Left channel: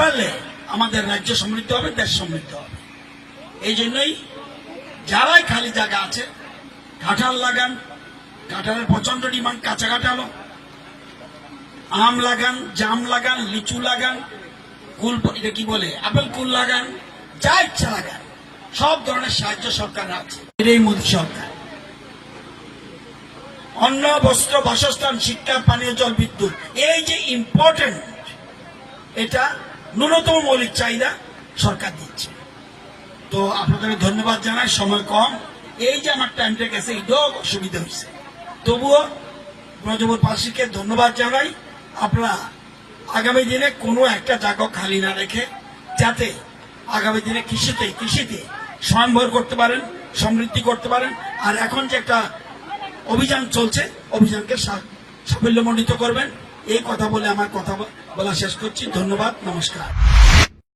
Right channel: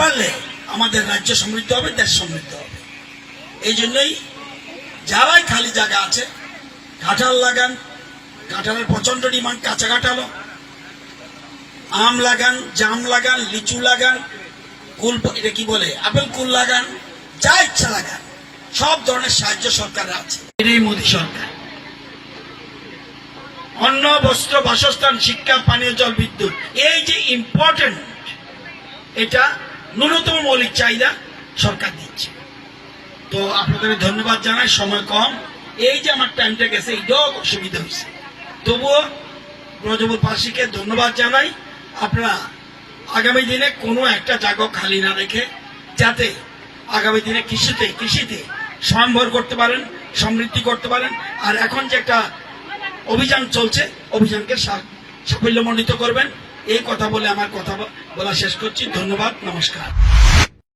পারলে আমাদের রাজ্য সমৃদ্ধ হবে, দেশ সমৃদ্ধ হবে। এই জন্যই যারাই খালি জায়গা আছে কাঁঠাল লাগান, কাঁঠালের প্রচন্ড ডিমান্ড, কাঁচা কাঁঠালও, আম লাগান, জাম লাগান, লিচু লাগান, কুল, এটা কি বলে, আপেল কুল লাগান, যা ইচ্ছা লাগান, সব ধরনের সাহায্য সরকারের আছে। এটাই মোদী সরকার। অন্ন, বস্ত্র, বাসস্থান, শিক্ষা, পানীয় জল, বিদ্যুৎ, এই যে ইম্পর্টেন্ট, এটা ন্যূনতম মৌলিক চাহিদা সরকার দিচ্ছে। তো আপনাদের ধন্যবাদ জানাই, সময় কম, এই যে আমার টাইমটা গেছে এটাও অসুবিধা হয়েছে, তবুও ব্রজপুরবাসীকে ধন্যবাদ জানাই। আপনারা আগামী দিনে কোনো একটা জায়গা খালি না রেখে যাতে আগামী দিনে কৃষিতে স্বয়ংভর করতে পারেন, সমৃদ্ধি করতে পারেন। আর এখন যে একটা অভিযান চলছে, অভিযানকে সাফল্যমণ্ডিত করবেন। এই কথা বলে আমার কথা বলা শেষ করছি। ধন্যবাদ, নমস্কার।